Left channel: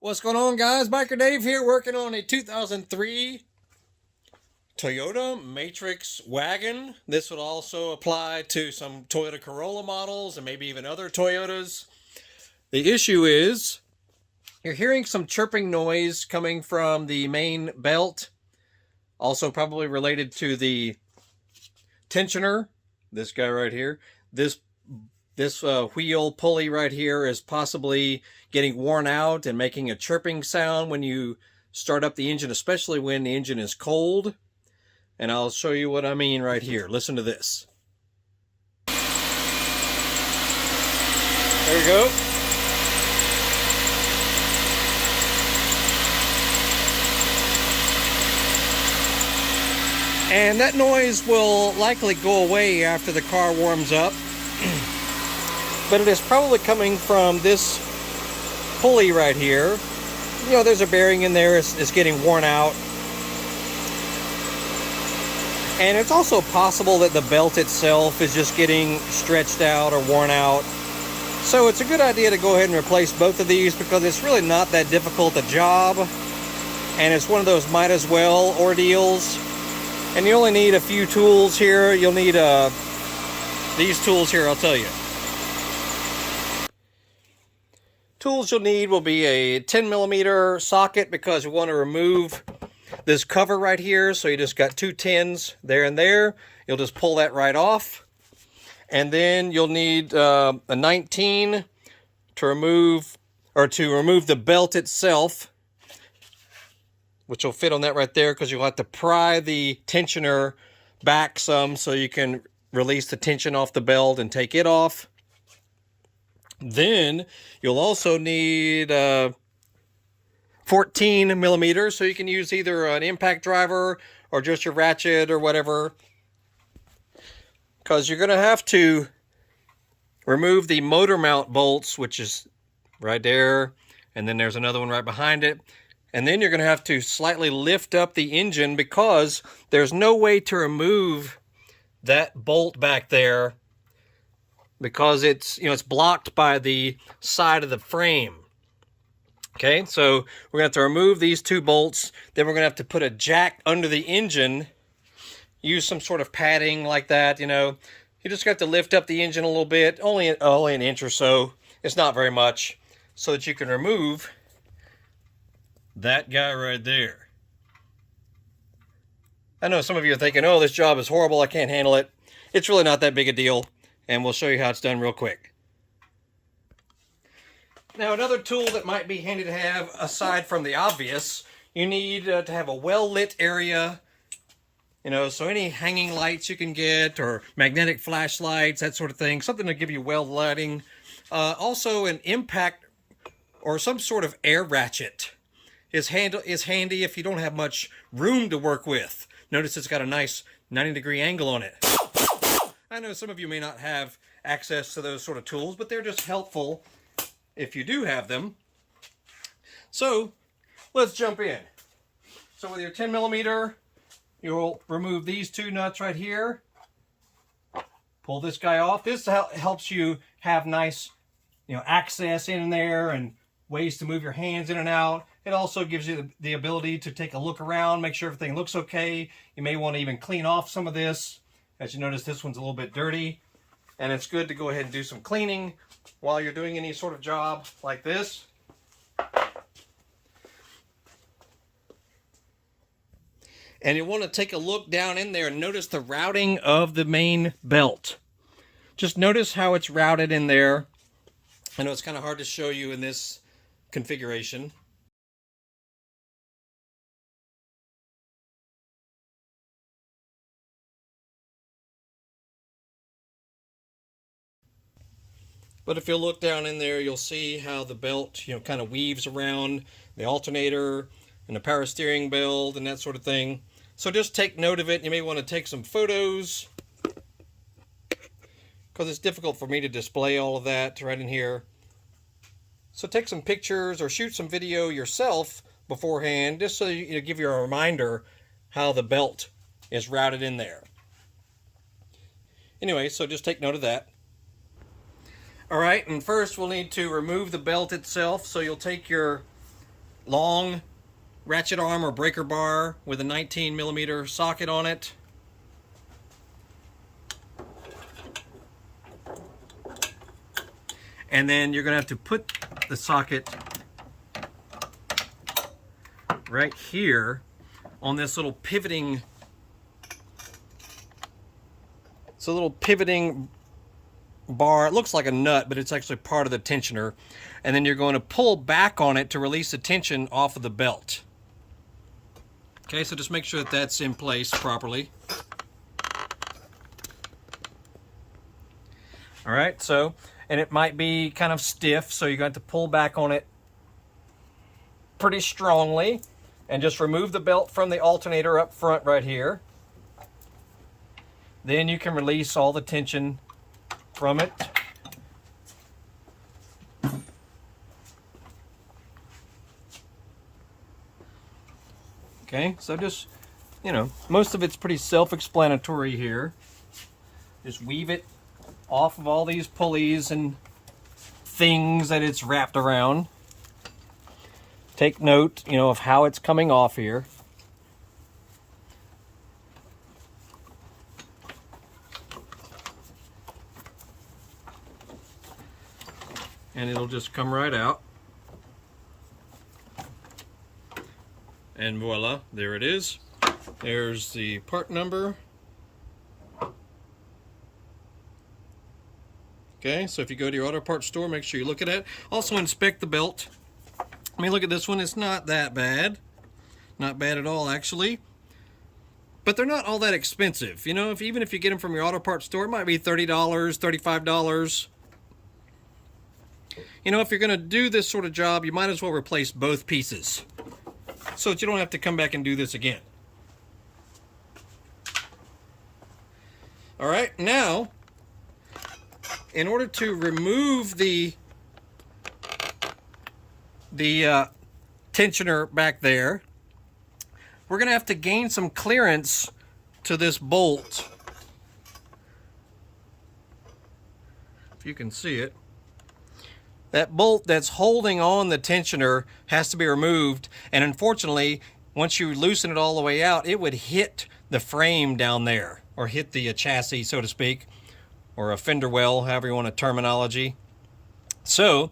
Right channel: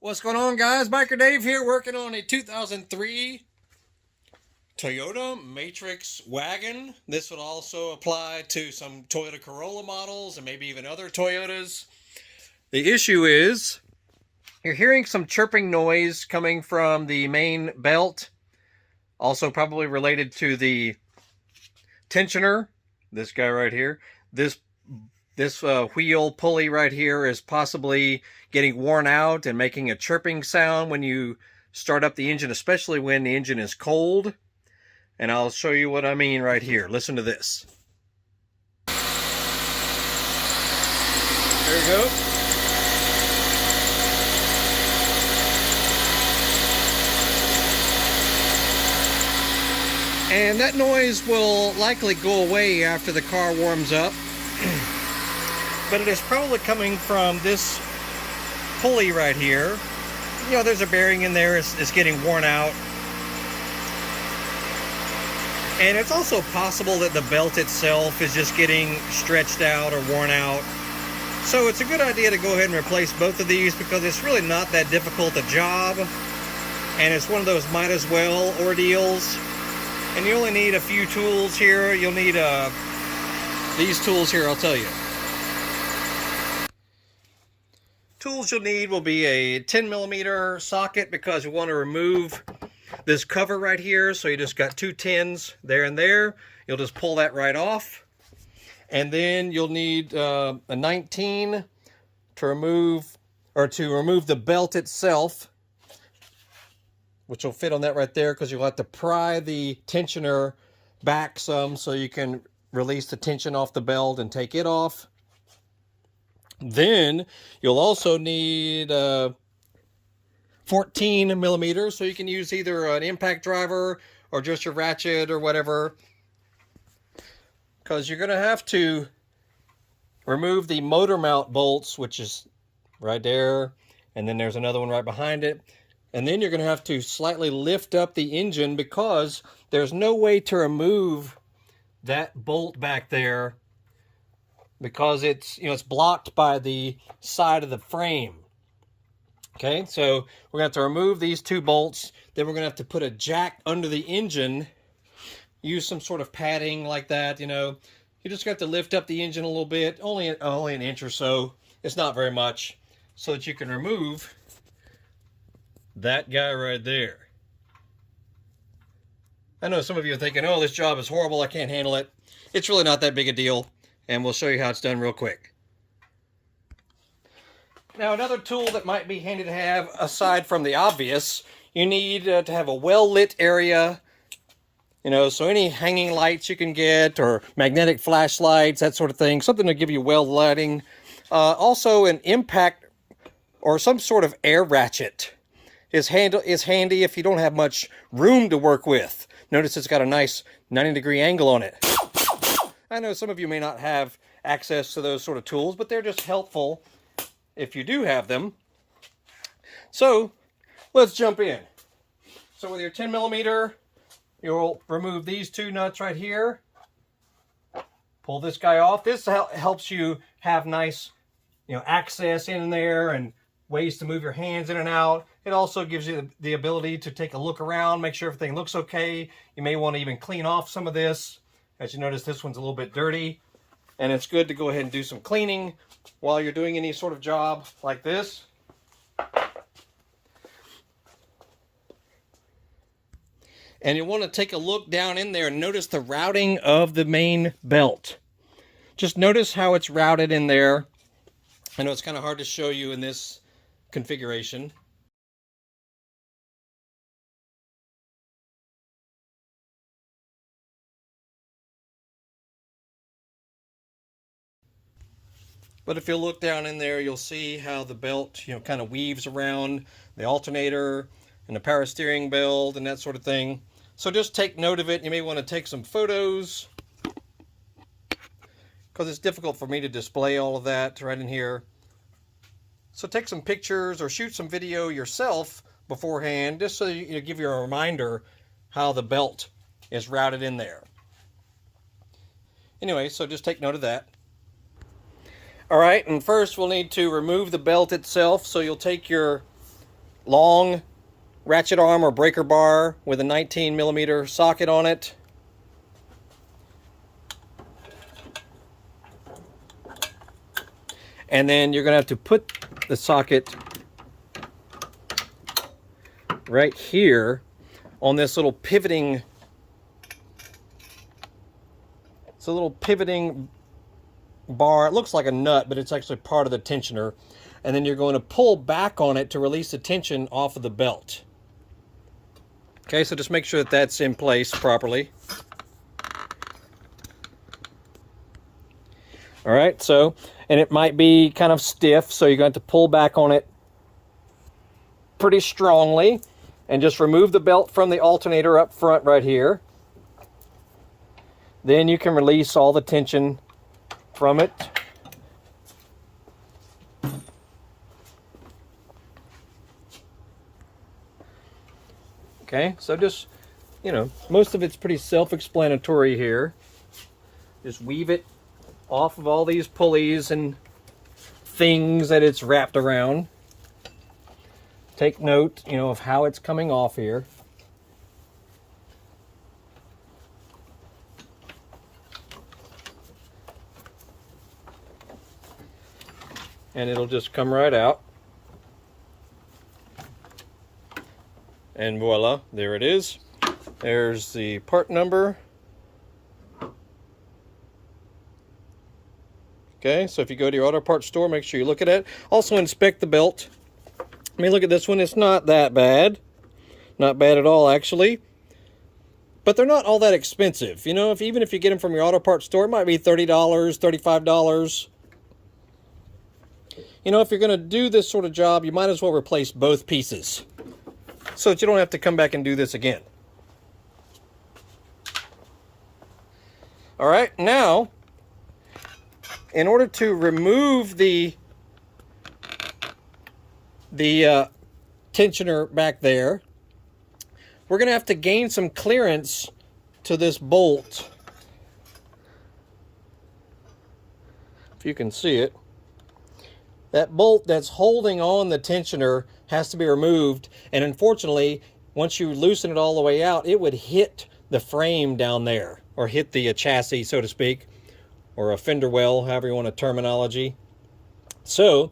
What's going on, guys? Biker Dave here, working on a 2003 Toyota Matrix Wagon. This would also apply to some Toyota Corolla models and maybe even other Toyotas. The issue is you're hearing some chirping noise coming from the main belt, also probably related to the tensioner. This guy right here. This wheel pulley right here is possibly getting worn out and making a chirping sound when you start up the engine, especially when the engine is cold. And I'll show you what I mean right here. Listen to this. There we go. And that noise will likely go away after the car warms up. But it is probably coming from this pulley right here. You know, there's a bearing in there. It's getting worn out. And it's also possible that the belt itself is just getting stretched out or worn out. So it's a good idea to go ahead and replace both of these because it's really not that difficult a job. And it's one of those might as well ordeals. And you only need a few tools here. You'll need these tools here, I'll tell you. Tools you'll need will be a 10mm socket because we want to remove this cover right here. So you just got two 10s there and there. You'll just pull that right off. And then you'll need a 19 to remove the belt itself, which will fit on that right there because you'll have to pry the tensioner back some so you can release the tension off the belt and take it off. Then you'll also need 14mm, so you can use either an impact driver or just your ratchet or whatever, because you're going to have to remove the motor mount bolts, which is right there, and then there's another one right behind it. And then you're going to have to slightly lift up the engine because there's no way to remove that bolt back there because it's blocked by the side of the frame. Okay, so we're going to have to remove these two bolts. Then we're going to have to put a jack under the engine. Use some sort of padding like that, You just got to lift up the engine a little bit, only an inch or so. It's not very much, so that you can remove that guy right there. I know some of you are thinking, oh, this job is horrible, I can't handle it. It's really not that big a deal, and we'll show you how it's done real quick. Now, another tool that might be handy to have, aside from the obvious, you need to have a well-lit area, so any hanging lights you can get, or magnetic flashlights, that sort of thing, something to give you well lighting. Also, an impact or some sort of air ratchet is handy if you don't have much room to work with. Notice it's got a nice 90-degree angle on it. I know some of you may not have access to those sort of tools, but they're just helpful if you do have them. So let's jump in. So with your 10mm, you'll remove these two nuts right here. Pull this guy off. This helps you have nice, access in there and ways to move your hands in and out. It also gives you the ability to take a look around, make sure everything looks okay. You may want to even clean off some of this. As you notice, this one's a little bit dirty, and it's good to go ahead and do some cleaning while you're doing any sort of job like this. And you want to take a look down in there and notice the routing of the main belt. Just notice how it's routed in there. I know it's kind of hard to show you in this configuration. But if you look down in there, you'll see how the belt, kind of weaves around the alternator and the power steering belt and that sort of thing. So just take note of it. You may want to take some photos because it's difficult for me to display all of that right in here. So take some pictures or shoot some video yourself beforehand, just so you give you a reminder how the belt is routed in there. Anyway, so just take note of that. All right, and first we'll need to remove the belt itself. So you'll take your long ratchet arm or breaker bar with a 19mm socket on it. And then you're going to have to put the socket right here on this little pivoting, bar. It looks like a nut, but it's actually part of the tensioner. And then you're going to pull back on it to release the tension off of the belt. Okay, so just make sure that that's in place properly. All right, so, and it might be kind of stiff, so you're going to have to pull back on it pretty strongly. And just remove the belt from the alternator up front right here. Then you can release all the tension from it. Okay, so just, you know, most of it's pretty self-explanatory here. Just weave it off of all these pulleys and things that it's wrapped around. Take note, you know, of how it's coming off here. And it'll just come right out. And voila, there it is. There's the part number. Okay, so if you go to your auto parts store, make sure you look at it. Also inspect the belt. I mean, look at this one. It's not that bad. Not bad at all, actually. But they're not all that expensive. You know, even if you get them from your auto parts store, it might be $30, $35. You know, if you're going to do this sort of job, you might as well replace both pieces so that you don't have to come back and do this again. All right, now, in order to remove the tensioner back there, we're going to have to gain some clearance to this bolt. If you can see it. That bolt that's holding on the tensioner has to be removed, and unfortunately, once you loosen it all the way out, it would hit the frame down there, or hit the chassis, so to speak, or a fender well, however you want a terminology. So,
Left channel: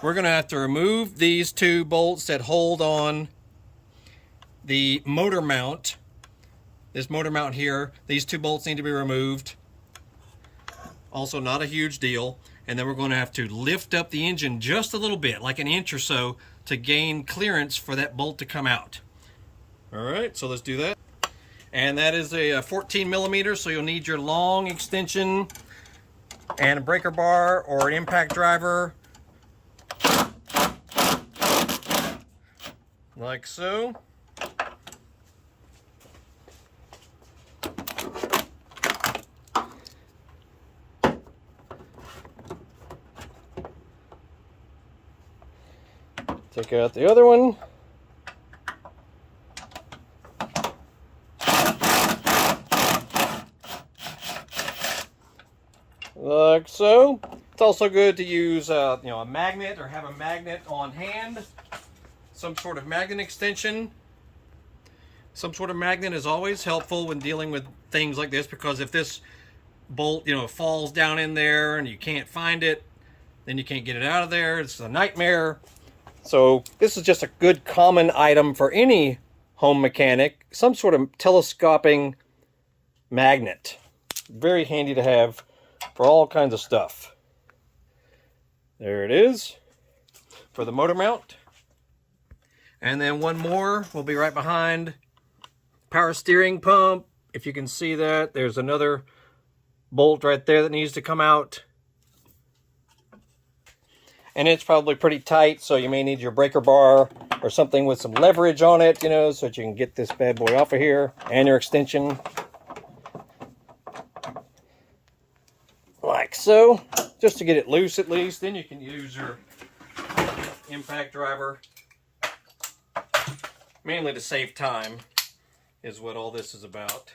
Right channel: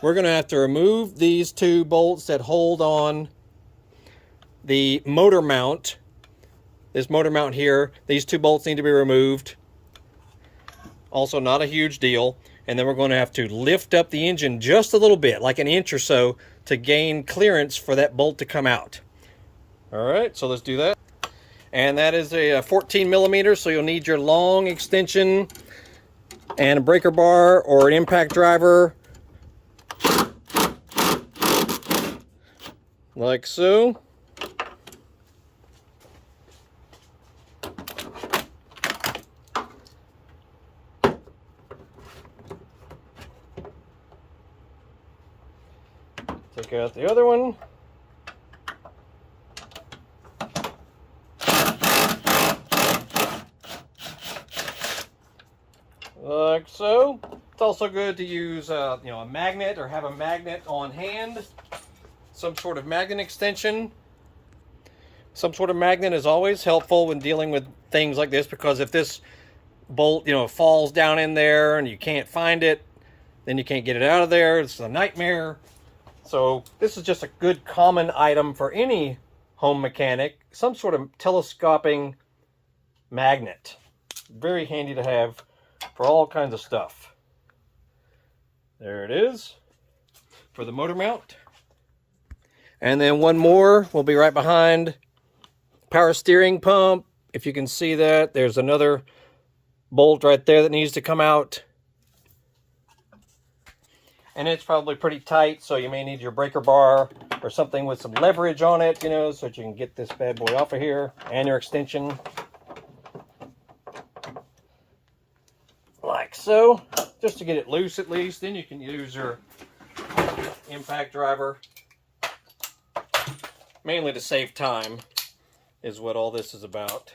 we're going to have to remove these two bolts that hold on the motor mount. This motor mount here, these two bolts need to be removed. Also not a huge deal. And then we're going to have to lift up the engine just a little bit, like an inch or so, to gain clearance for that bolt to come out. All right, so let's do that. And that is a 14mm, so you'll need your long extension and a breaker bar or an impact driver. Like so. Take out the other one. Like so. It's also good to use you know, a magnet, or have a magnet on hand. Some sort of magnet extension. Some sort of magnet is always helpful when dealing with things like this, because if this bolt, you know, falls down in there and you can't find it, then you can't get it out of there. It's a nightmare. So this is just a good common item for any home mechanic, some sort of telescoping magnet. Very handy to have for all kinds of stuff. There it is for the motor mount. And then one more will be right behind. Power steering pump. If you can see that, there's another bolt right there that needs to come out. And it's probably pretty tight, so you may need your breaker bar or something with some leverage on it, you know, so that you can get this bad boy off of here, and your extension. Like so, just to get it loose at least. Then you can use your impact driver. Mainly to save time is what all this is about.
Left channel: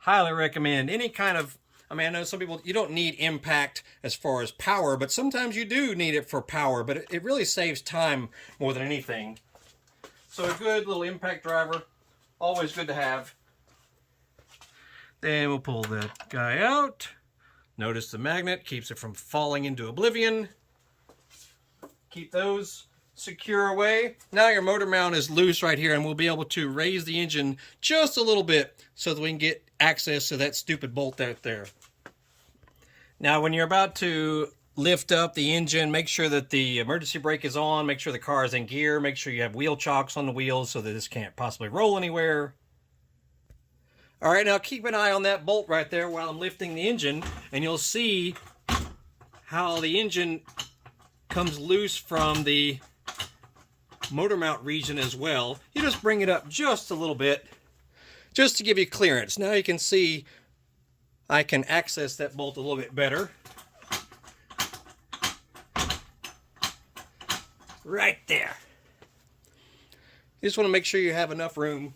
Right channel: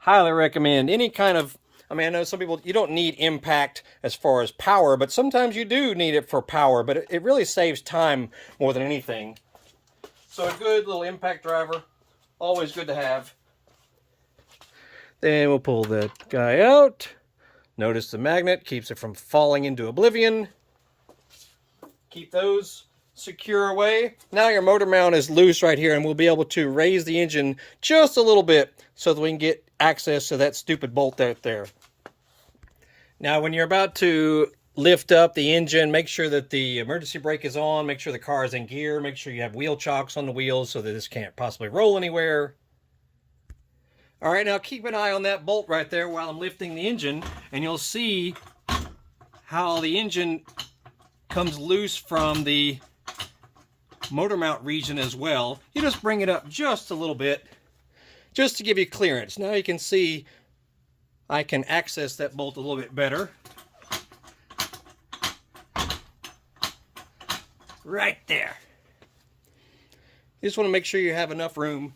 highly recommend any kind of, I mean, I know some people, you don't need impact as far as power, but sometimes you do need it for power, but it really saves time more than anything. So a good little impact driver, always good to have. Then we'll pull that guy out. Notice the magnet keeps it from falling into oblivion. Keep those secure away. Now your motor mount is loose right here, and we'll be able to raise the engine just a little bit so that we can get access to that stupid bolt out there. Now when you're about to lift up the engine, make sure that the emergency brake is on, make sure the car is in gear, make sure you have wheel chocks on the wheels so that this can't possibly roll anywhere. All right, now keep an eye on that bolt right there while I'm lifting the engine, and you'll see how the engine comes loose from the motor mount region as well. You just bring it up just a little bit, just to give you clearance. Now you can see I can access that bolt a little bit better. Right there. You just want to make sure you have enough room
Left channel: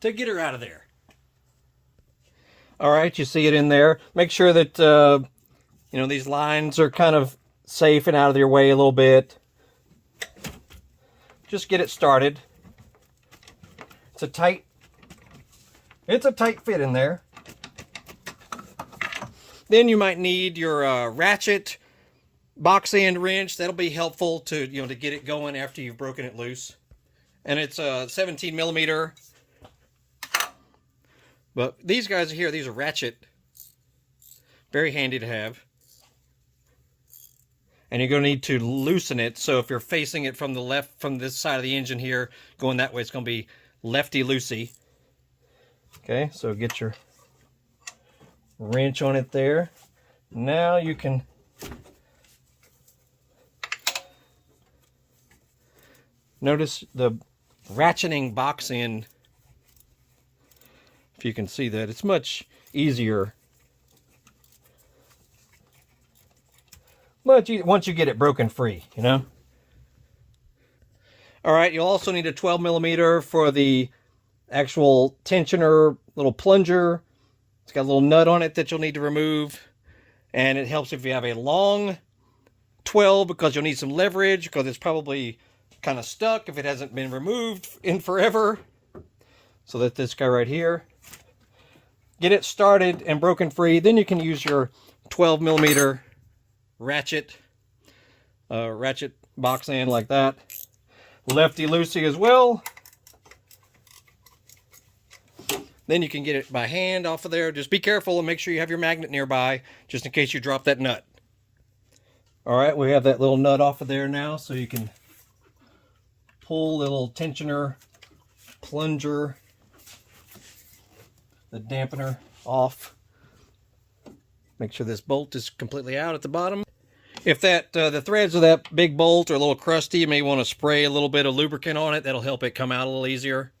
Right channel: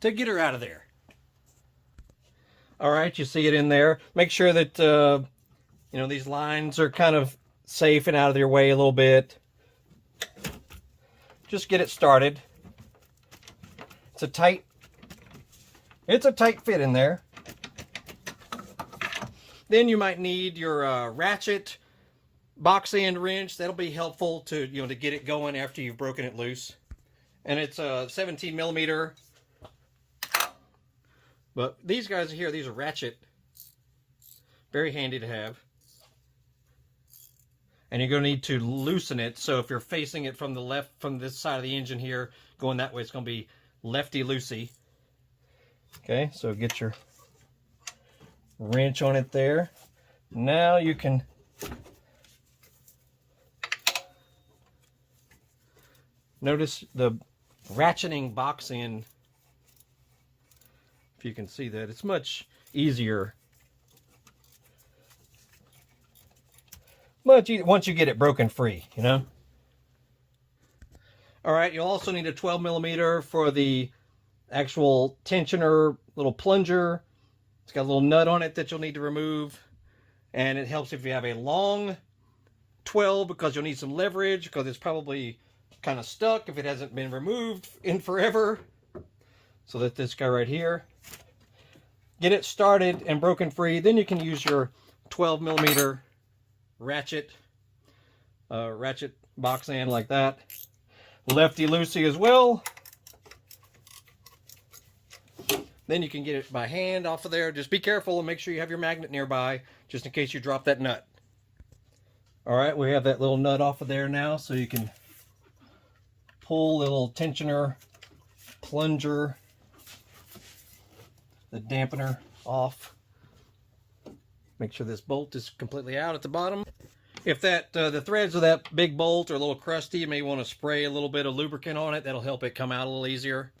to get her out of there. All right, you see it in there. Make sure that you know, these lines are kind of safe and out of your way a little bit. Just get it started. It's a tight fit in there. Then you might need your ratchet box end wrench. That'll be helpful to, you know, to get it going after you've broken it loose. And it's a 17 millimeter. But these guys here, these are ratchet. Very handy to have. And you're going to need to loosen it. So if you're facing it from the left, from this side of the engine here, going that way, it's going to be lefty-loosey. Okay, so get your wrench on it there. Now you can notice the ratcheting box end. If you can see that, it's much easier. But once you get it broken free, you know. All right, you'll also need a 12 millimeter for the actual tensioner little plunger. It's got a little nut on it that you'll need to remove. And it helps if you have a long 12 because you'll need some leverage because it's probably kind of stuck if it hasn't been removed in forever. So that this guy right here. Get it started and broken free. Then you can use your 12 millimeter ratchet box end like that. Lefty-loosey as well. Then you can get it by hand off of there. Just be careful and make sure you have your magnet nearby just in case you drop that nut. All right, we have that little nut off of there now, so you can pull the little tensioner plunger, the dampener off. Make sure this bolt is completely out at the bottom. If that the threads of that big bolt are a little crusty, you may want to spray a little bit of lubricant on it. That'll help it come out a little easier.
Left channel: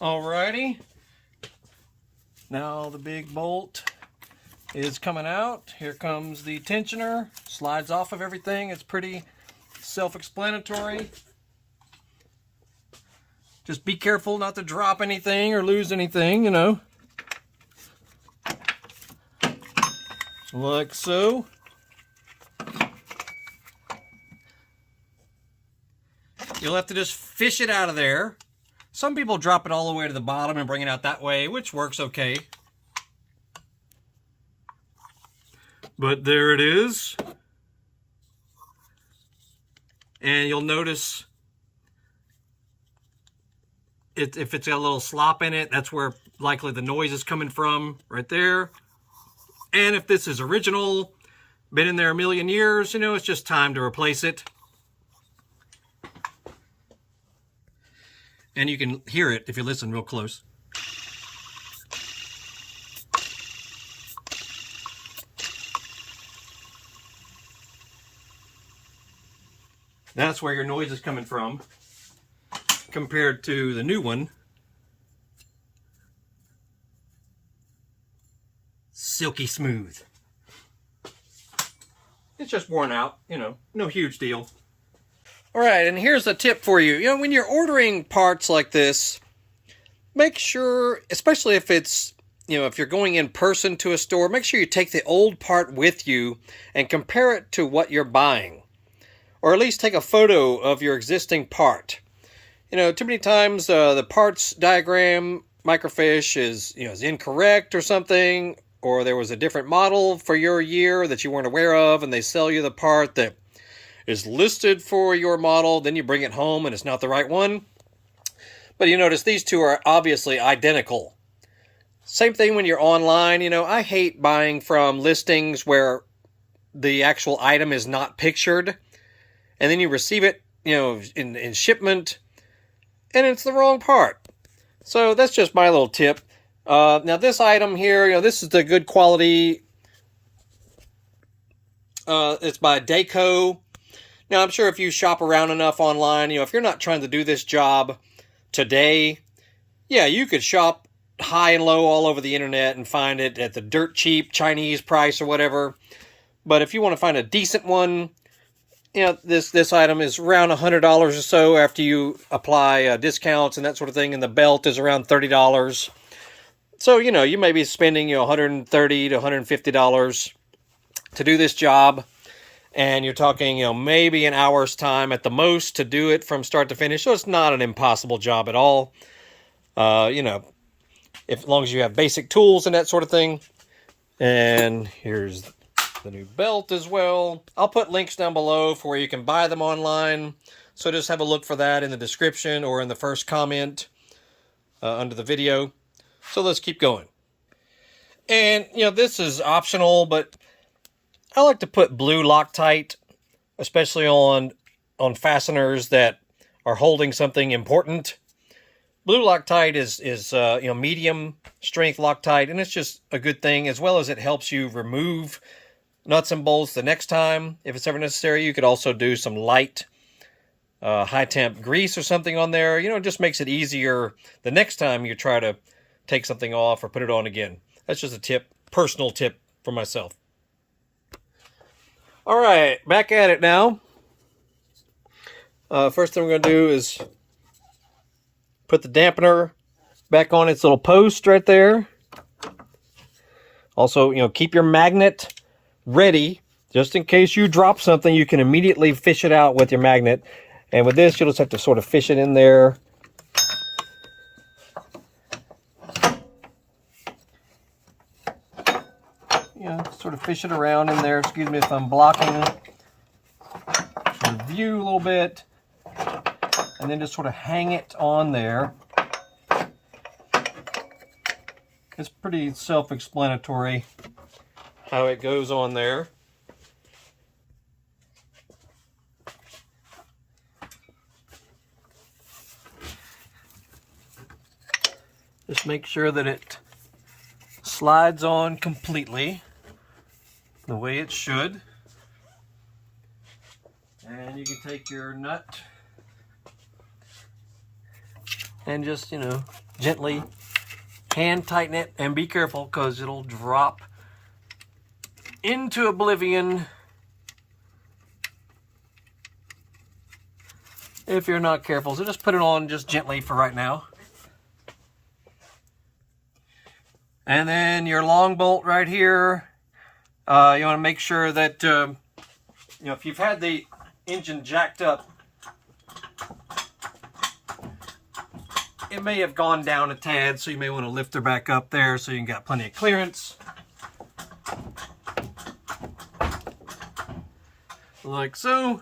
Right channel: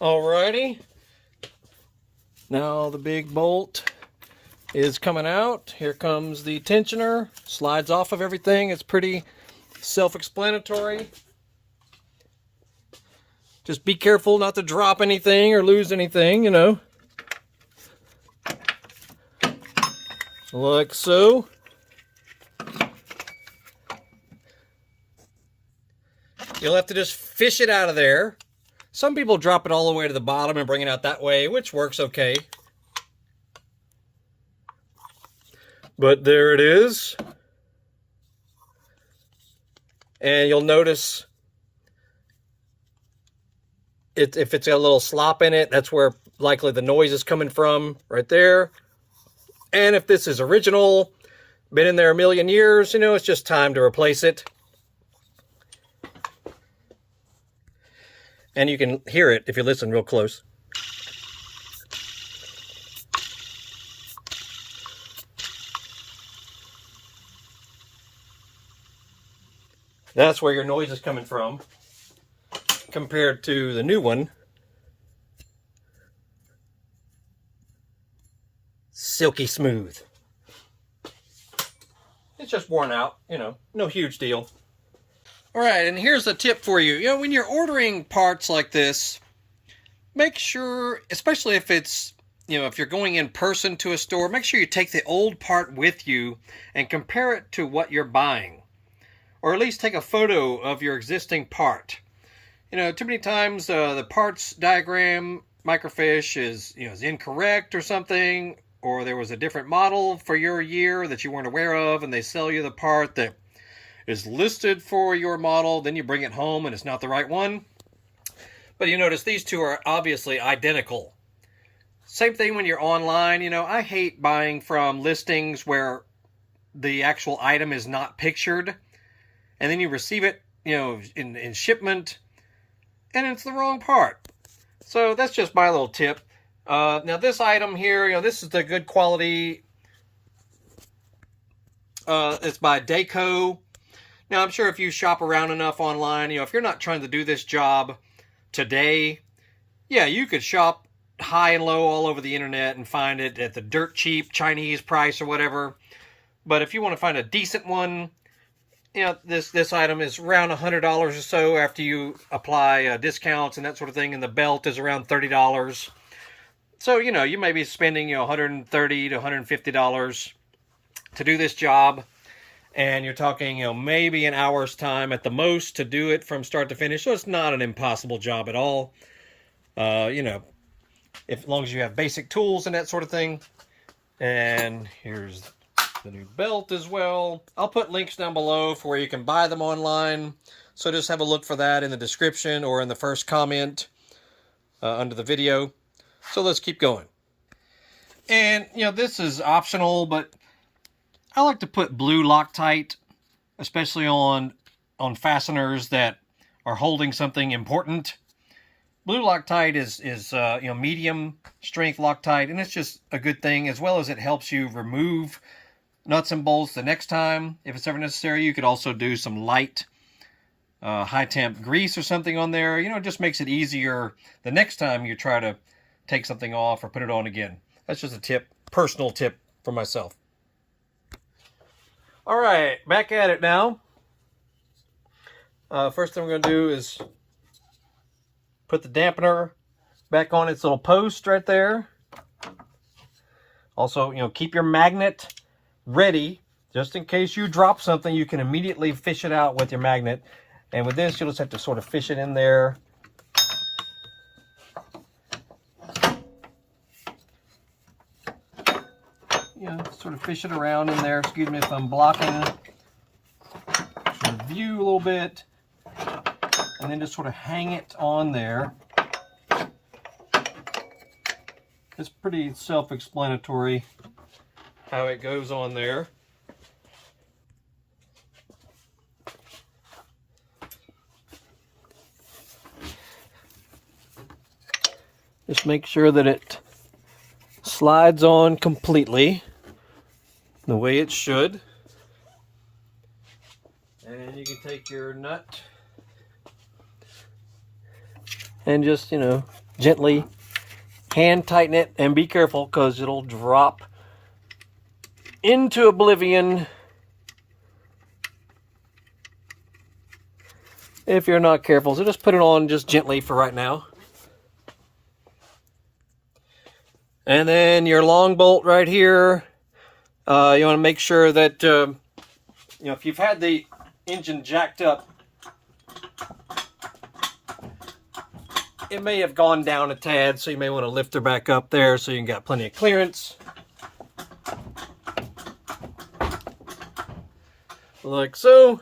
Alrighty. Now the big bolt is coming out. Here comes the tensioner. Slides off of everything. It's pretty self-explanatory. Just be careful not to drop anything or lose anything, you know. Like so. You'll have to just fish it out of there. Some people drop it all the way to the bottom and bring it out that way, which works okay. But there it is. And you'll notice if it's got a little slop in it, that's where likely the noise is coming from, right there. And if this is original, been in there a million years, you know, it's just time to replace it. And you can hear it if you listen real close. That's where your noise is coming from, compared to the new one. Silky smooth. It's just worn out, you know, no huge deal. All right, and here's a tip for you. You know, when you're ordering parts like this, make sure, especially if it's, if you're going in person to a store, make sure you take the old part with you and compare it to what you're buying. Or at least take a photo of your existing part. Too many times the parts diagram microfiche is incorrect or something, or there was a different model for your year that you weren't aware of, and they sell you the part that is listed for your model. Then you bring it home and it's not the right one. But you notice these two are obviously identical. Same thing when you're online. I hate buying from listings where the actual item is not pictured, and then you receive it, in shipment, and it's the wrong part. So that's just my little tip. Now this item here, this is the good quality. It's by Daco. Now I'm sure if you shop around enough online, if you're not trying to do this job today, yeah, you could shop high and low all over the internet and find it at the dirt cheap Chinese price or whatever. But if you want to find a decent one, this item is around $100 or so after you apply discounts and that sort of thing, and the belt is around $30. So, you may be spending $130 to $150 to do this job, and you're talking maybe an hour's time at the most to do it from start to finish. So it's not an impossible job at all. As long as you have basic tools and that sort of thing. And here's the new belt as well. I'll put links down below for where you can buy them online. So just have a look for that in the description or in the first comment under the video. So let's keep going. And, this is optional, but I like to put blue Loctite, especially on fasteners that are holding something important. Blue Loctite is medium strength Loctite, and it's just a good thing, as well as it helps you remove nuts and bolts the next time if it's ever necessary. You could also do some light high temp grease or something on there. It just makes it easier the next time you try to take something off or put it on again. That's just a tip, personal tip for myself. All right, back at it now. First thing we're going to do is put the dampener back on its little post right there. Also, keep your magnet ready just in case you drop something. You can immediately fish it out with your magnet, and with this you'll just have to sort of fish it in there. Sort of fish it around in there. Excuse me if I'm blocking the view a little bit, and then just sort of hang it on there. It's pretty self-explanatory how it goes on there. Just make sure that it slides on completely the way it should. And you can take your nut and just, gently hand tighten it, and be careful because it'll drop into oblivion if you're not careful. So just put it on just gently for right now. And then your long bolt right here, you want to make sure that, if you've had the engine jacked up, it may have gone down a tad, so you may want to lift her back up there so you got plenty of clearance. Like so.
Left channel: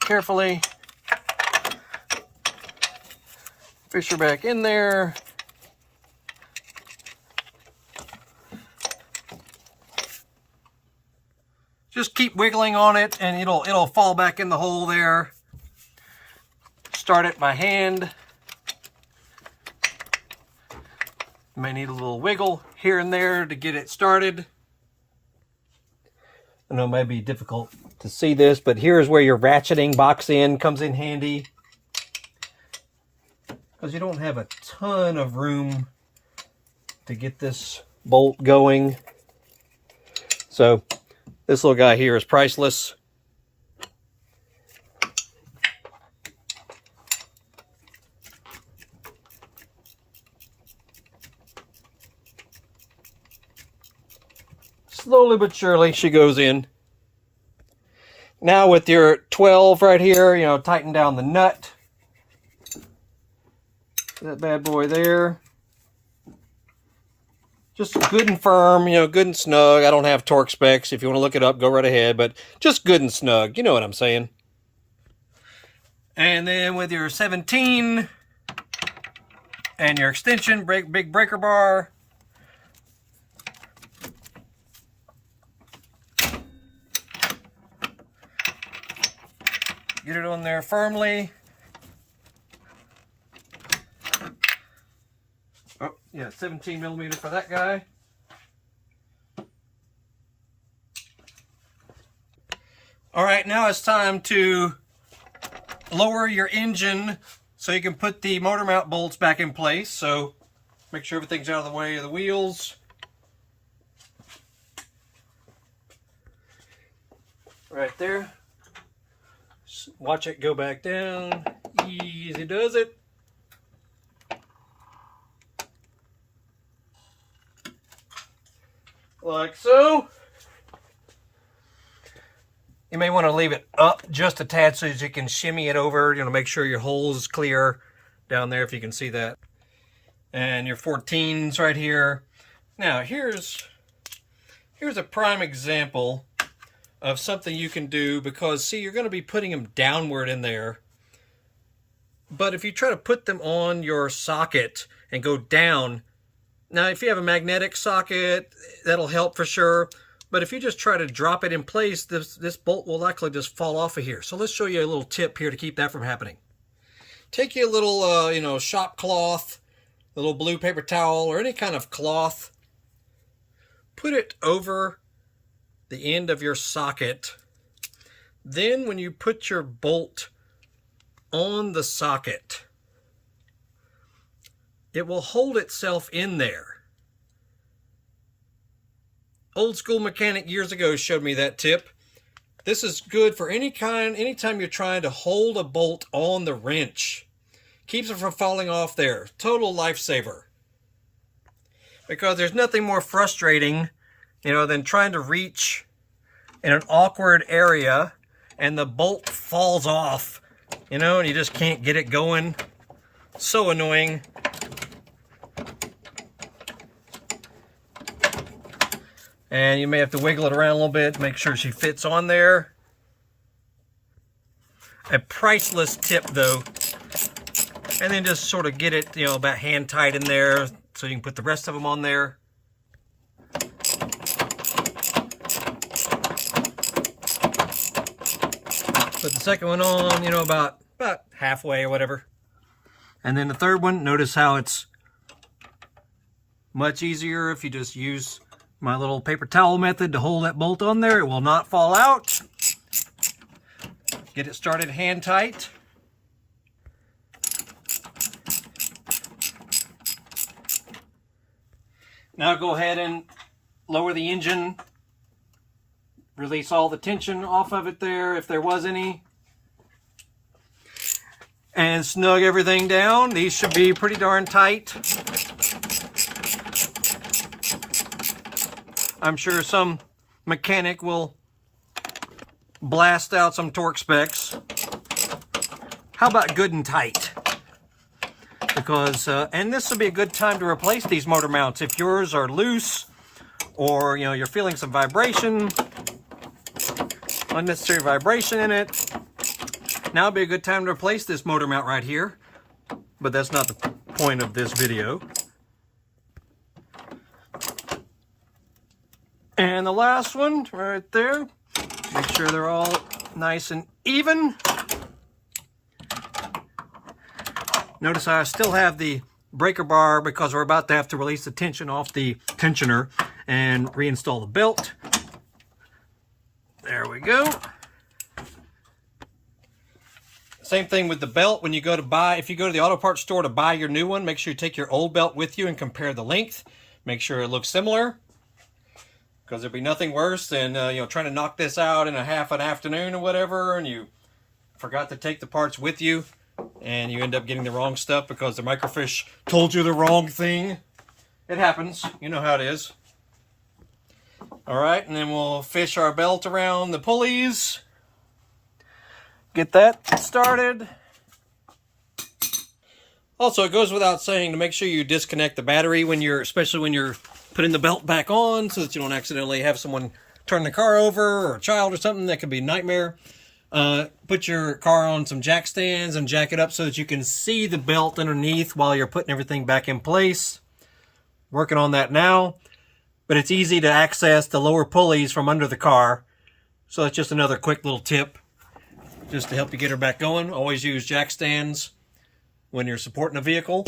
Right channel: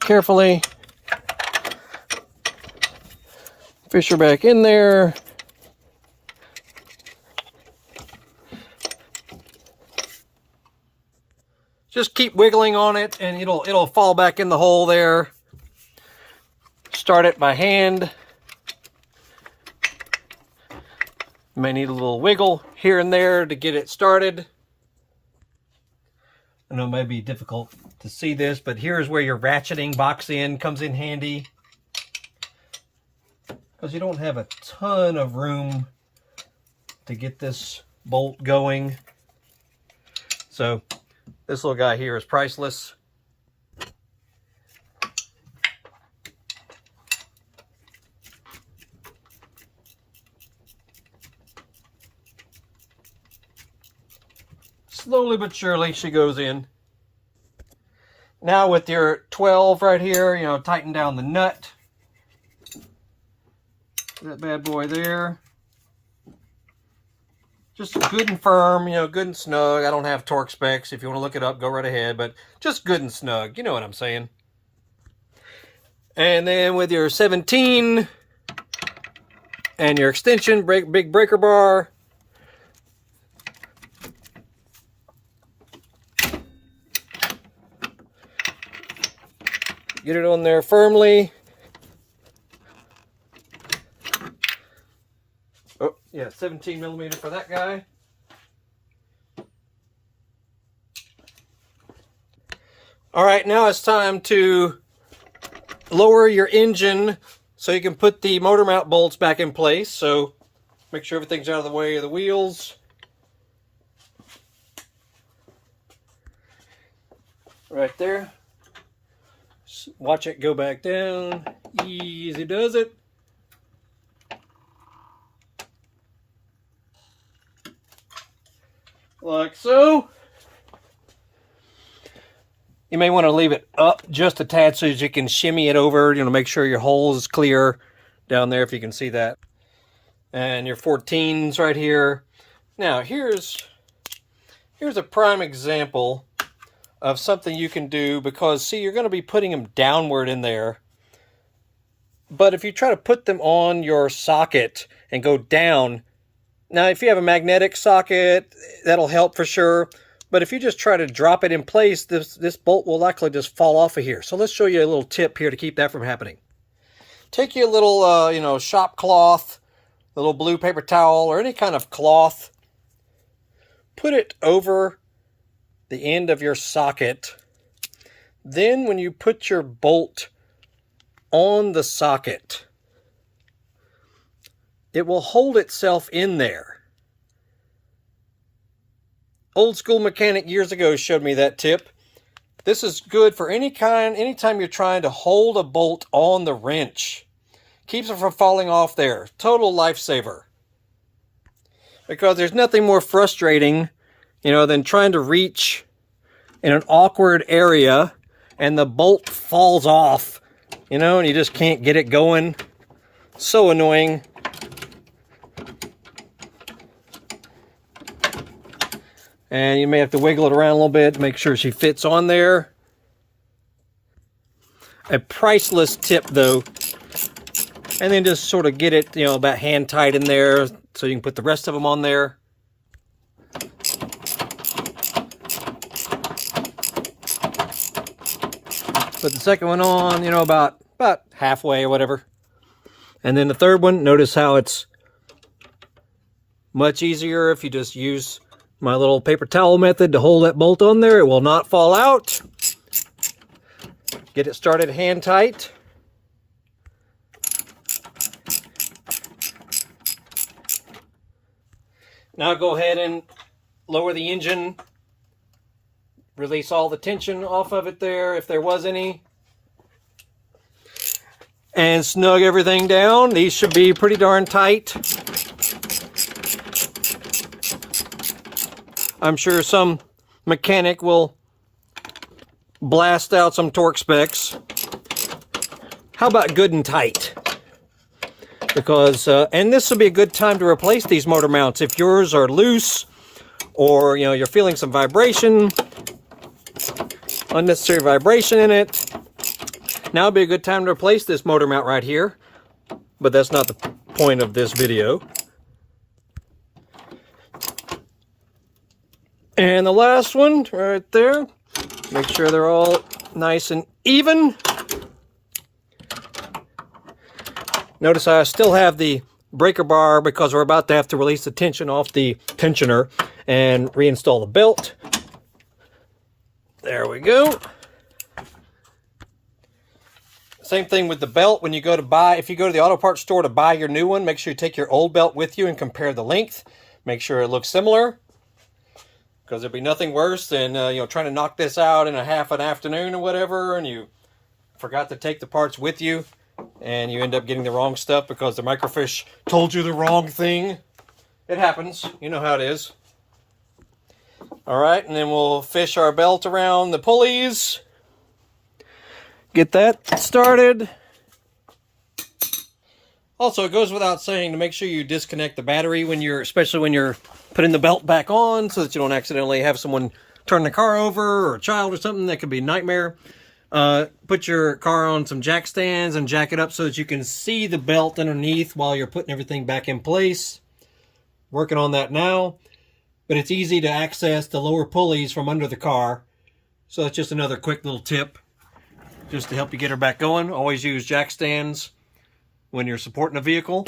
Carefully fish her back in there. Just keep wiggling on it and it'll fall back in the hole there. Start it by hand. You may need a little wiggle here and there to get it started. I know it might be difficult to see this, but here's where your ratcheting box end comes in handy, because you don't have a ton of room to get this bolt going. So this little guy here is priceless. slowly but surely she goes in. Now with your 12 right here, you know, tighten down the nut. That bad boy there. Just good and firm, you know, good and snug. I don't have torque specs. If you want to look it up, go right ahead. But just good and snug. You know what I'm saying. And then with your 17 and your extension, big breaker bar. Get it on there firmly. Oh, yeah, 17 millimeter for that guy. All right, now it's time to lower your engine so you can put the motor mount bolts back in place. So make sure everything's out of the way of the wheels. Right there. Watch it go back down. Easy does it. Like so. You may want to leave it up just a tad so that you can shimmy it over, you know, make sure your hole is clear down there if you can see that. And your 14s right here. Now here's a prime example of something you can do, because see, you're going to be putting them downward in there. But if you try to put them on your socket and go down, now if you have a magnetic socket, that'll help for sure. But if you just try to drop it in place, this bolt will likely just fall off of here. So let's show you a little tip here to keep that from happening. Take your little, you know, shop cloth, a little blue paper towel, or any kind of cloth. Put it over the end of your socket. Then when you put your bolt on the socket, it will hold itself in there. Old school mechanic years ago showed me that tip. This is good for anytime you're trying to hold a bolt on the wrench. Keeps it from falling off there. Total lifesaver. Because there's nothing more frustrating, you know, than trying to reach in an awkward area and the bolt falls off, you know, and you just can't get it going. So annoying. And you may have to wiggle it around a little bit, make sure she fits on there. A priceless tip though. And then just sort of get it, you know, about hand tight in there so you can put the rest of them on there. Put the second one on, you know, about halfway or whatever. And then the third one, notice how it's much easier if you just use my little paper towel method to hold that bolt on there. It will not fall out. Get it started hand tight. Now go ahead and lower the engine. Release all the tension off of it there, if there was any. And snug everything down. These should be pretty darn tight. I'm sure some mechanic will blast out some torque specs. How about good and tight? Because, and this would be a good time to replace these motor mounts. If yours are loose, or, you know, you're feeling some vibration, unnecessary vibration in it, now would be a good time to replace this motor mount right here. But that's not the point of this video. And the last one right there. Make sure they're all nice and even. Notice I still have the breaker bar because we're about to have to release the tension off the tensioner and reinstall the belt. There we go. Same thing with the belt. When you go to buy, if you go to the auto parts store to buy your new one, make sure you take your old belt with you and compare the length. Make sure it looks similar. Because there'd be nothing worse than, you know, trying to knock this out in a half an afternoon or whatever, and you forgot to take the parts with you, and you end up getting the wrong stuff because the microfiche told you the wrong thing. It happens. You know how it is. All right, and then we'll fish our belt around the pulleys. Get that started. Also, it goes without saying to make sure you disconnect the battery especially when you're putting the belt back on, so that you don't accidentally have someone turn the car over, or a child or something. That could be a nightmare. Put your car on some jack stands and jack it up so that you can see the belt underneath while you're putting everything back in place. Working on that now. But it's easy to access the lower pulleys from under the car. So that's just another quick little tip, just to help you get her back going. Always use jack stands when you're supporting a vehicle.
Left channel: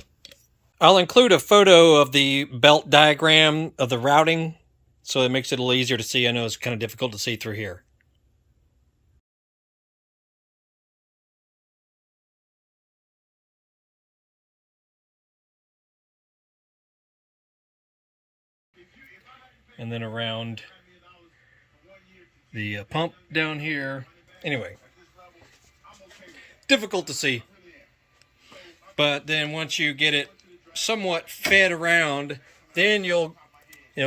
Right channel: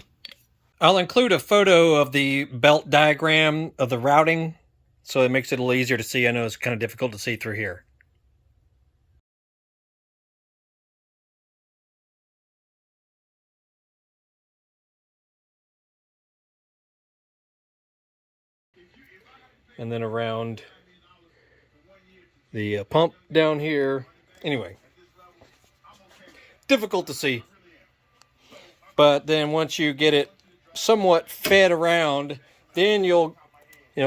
I'll include a photo of the belt diagram of the routing, so it makes it a little easier to see. I know it's kind of difficult to see through here. And then around the pump down here. Anyway, difficult to see. But then once you get it somewhat fed around, then you'll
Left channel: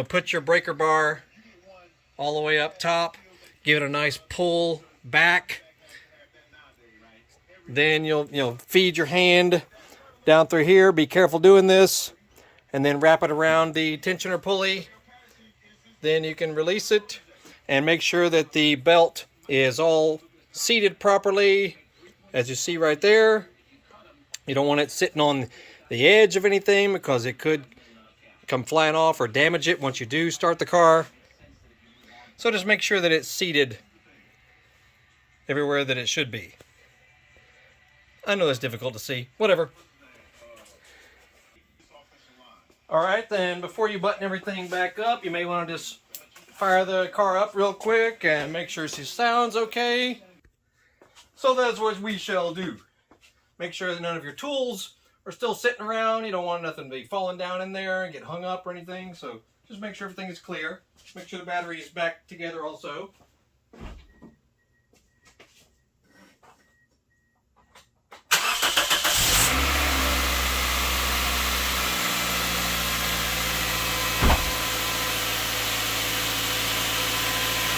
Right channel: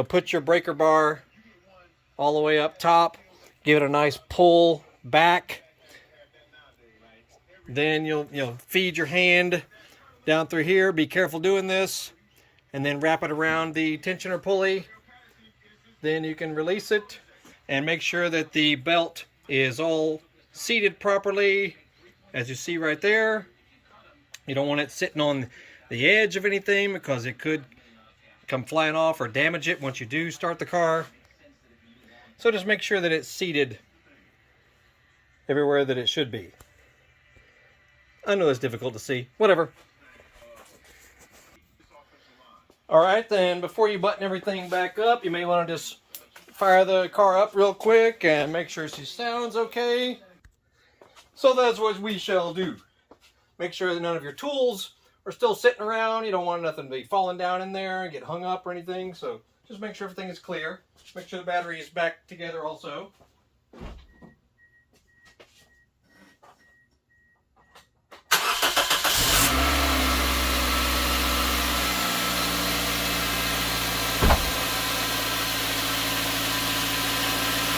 put your breaker bar all the way up top, give it a nice pull back. Then you'll feed your hand down through here. Be careful doing this, and then wrap it around the tensioner pulley. Then you can release it and make sure that the belt is all seated properly, as you see right there. You don't want it sitting on the edge of anything, because it could come flying off or damage it once you do start the car. So just make sure that it's seated everywhere that it should be. I know it's difficult to see. Whatever. Alright, then before you button everything back up, you may want to just fire the car up real quick and make sure she sounds okay. So that's what we shall do. Make sure that none of your tools are still sitting around. You don't want nothing to be falling down in there and get hung up or anything. So just make sure everything is clear. Make sure the battery is back together also.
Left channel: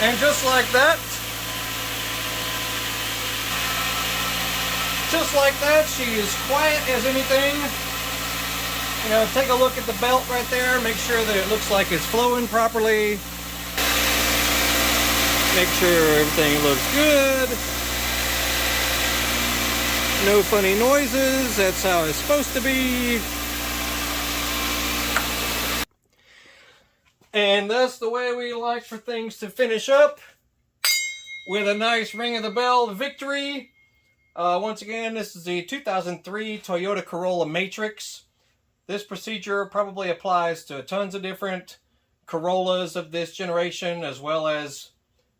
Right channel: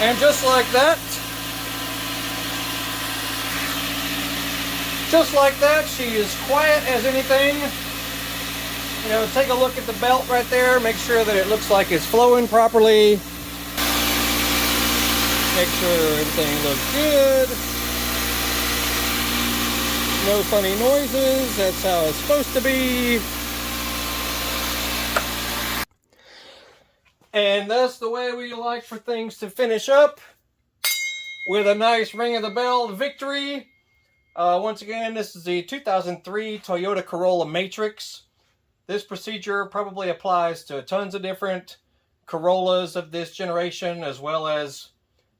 And just like that, she is quiet as anything. Take a look at the belt right there. Make sure that it looks like it's flowing properly. Make sure everything looks good. No funny noises. That's how it's supposed to be. And that's the way we like for things to finish up, with a nice ring of the bell victory. Once again, this is the 2003 Toyota Corolla Matrix. This procedure probably applies to tons of different Corollas of this generation, as well as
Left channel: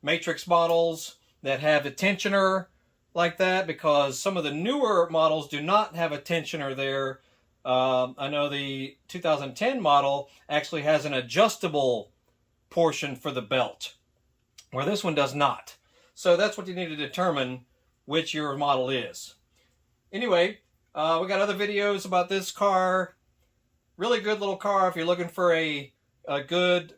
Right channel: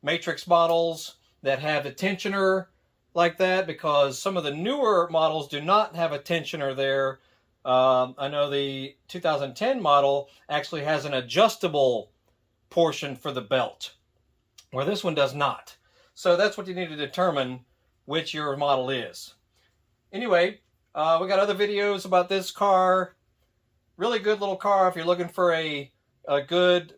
Matrix models that have a tensioner like that, because some of the newer models do not have a tensioner there. I know the 2010 model actually has an adjustable portion for the belt, where this one does not. So that's what you need to determine which your model is. Anyway, we got other videos about this car. Really good little car if you're looking for a good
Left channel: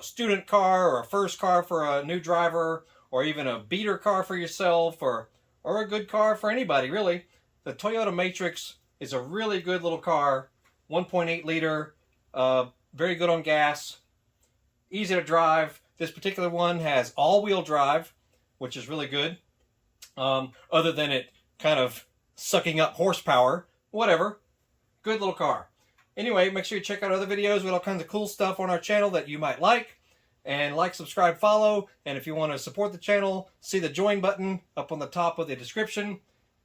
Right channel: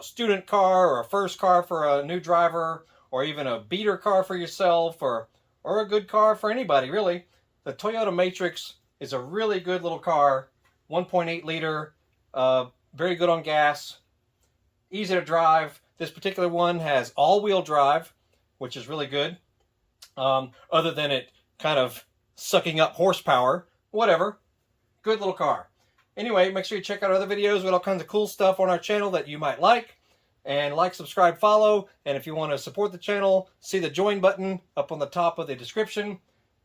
student car, or a first car for a new driver, or even a beater car for yourself, or a good car for anybody, really. The Toyota Matrix is a really good little car. 1.8 liter, very good on gas, easy to drive. This particular one has all-wheel drive, which is really good. Other than it kind of sucking up horsepower. Whatever. Good little car. Anyway, make sure you check out other videos with all kinds of cool stuff on our channel that you might like. And like, subscribe, follow. And if you want to support the channel, see the join button up on the top of the description.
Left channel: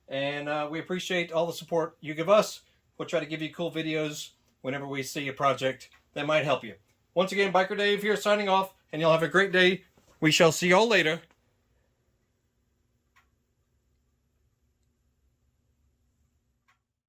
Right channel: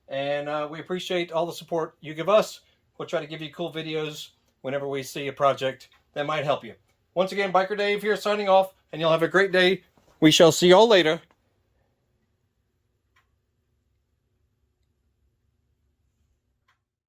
And we appreciate all the support you give us. We'll try to give you cool videos whenever we see a project that might help you. Once again, Biker Dave here signing off, and y'all have a great day. We shall see y'all later.